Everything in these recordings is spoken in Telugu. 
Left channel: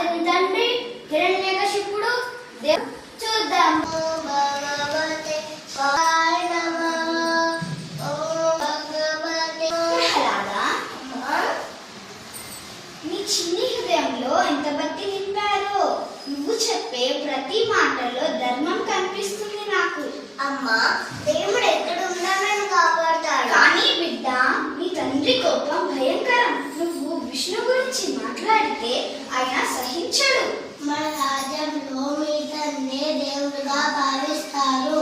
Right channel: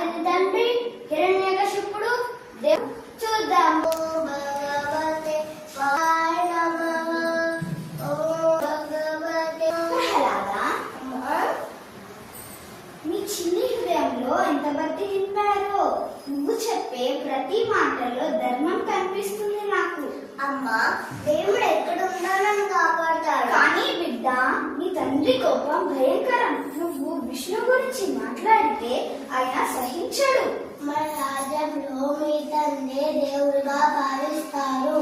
అతని తండ్రి హిరణ్యకశిపుడు చూద్దాం. నీ చిన్ని హృదయంలో ఎంత భక్తి నింపారో. నువ్వు చెప్పే ప్రతి మాటలో ధర్మం కనిపిస్తుంది నాకు. అమ్మా, దేవుడు ఎక్కడున్నా నన్ను కాపాడతాడు. కానీ బిడ్డ, నీ తండ్రి కోపం భయంకరం. నువ్వు విష్ణు గురించి మాట్లాడితే ఆయన సహించడు. మన రాజ్యంలో మీ తండ్రి దేవుడుగా భావిస్తారు.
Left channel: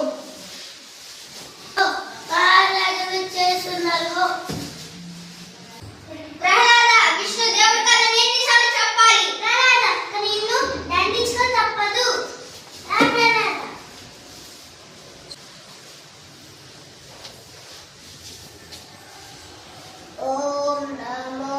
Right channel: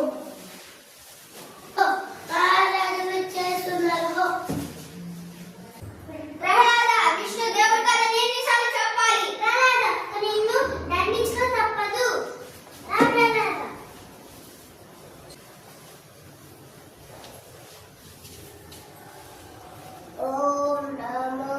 చేస్తున్నారు. విష్ణు దేవుడు కదా, ఎన్నిసార్లు చెప్పాలి? నిన్ను దండించుకో తప్పదు. ఓం నమో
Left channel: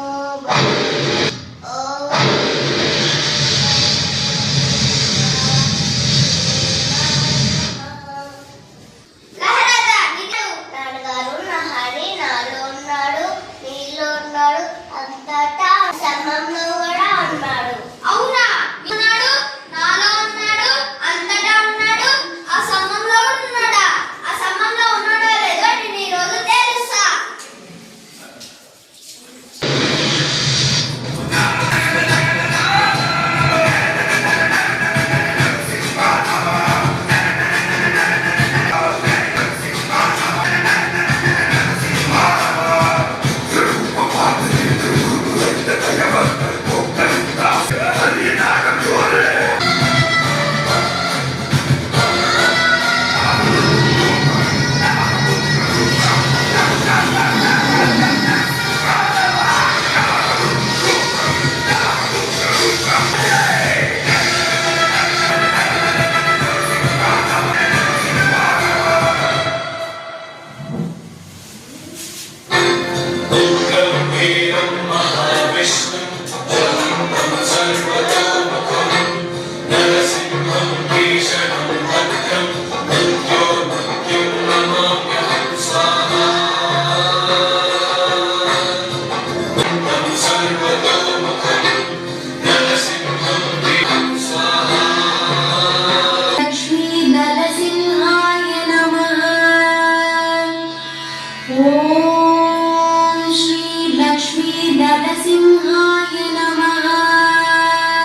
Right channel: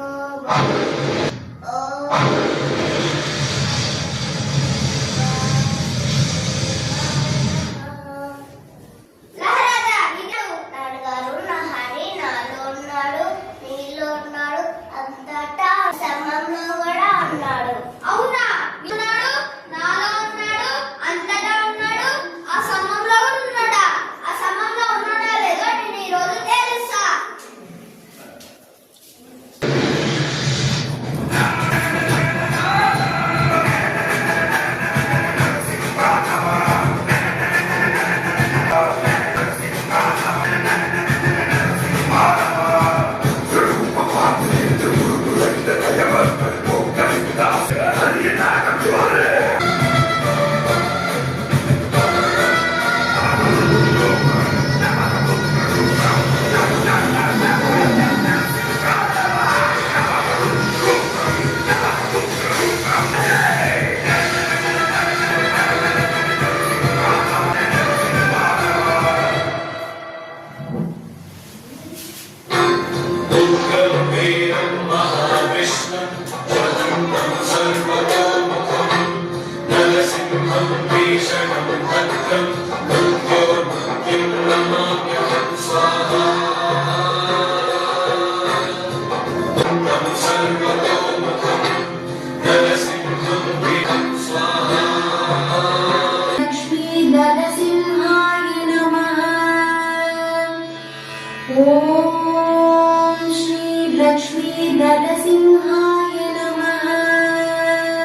అంతటా సమయంలో కూడా ఉన్నాడు. అవునా? ఉన్నాడు, నాలో ఉన్నాడు, అంతటా ఉన్నాడు, ఆ సమయంలో ఉన్నాడా? ఆ సమయంలో ఉన్నాడో లేదో నేను ఈ రోజు తెలుసా. नरसिंहं भीषणं भद्रं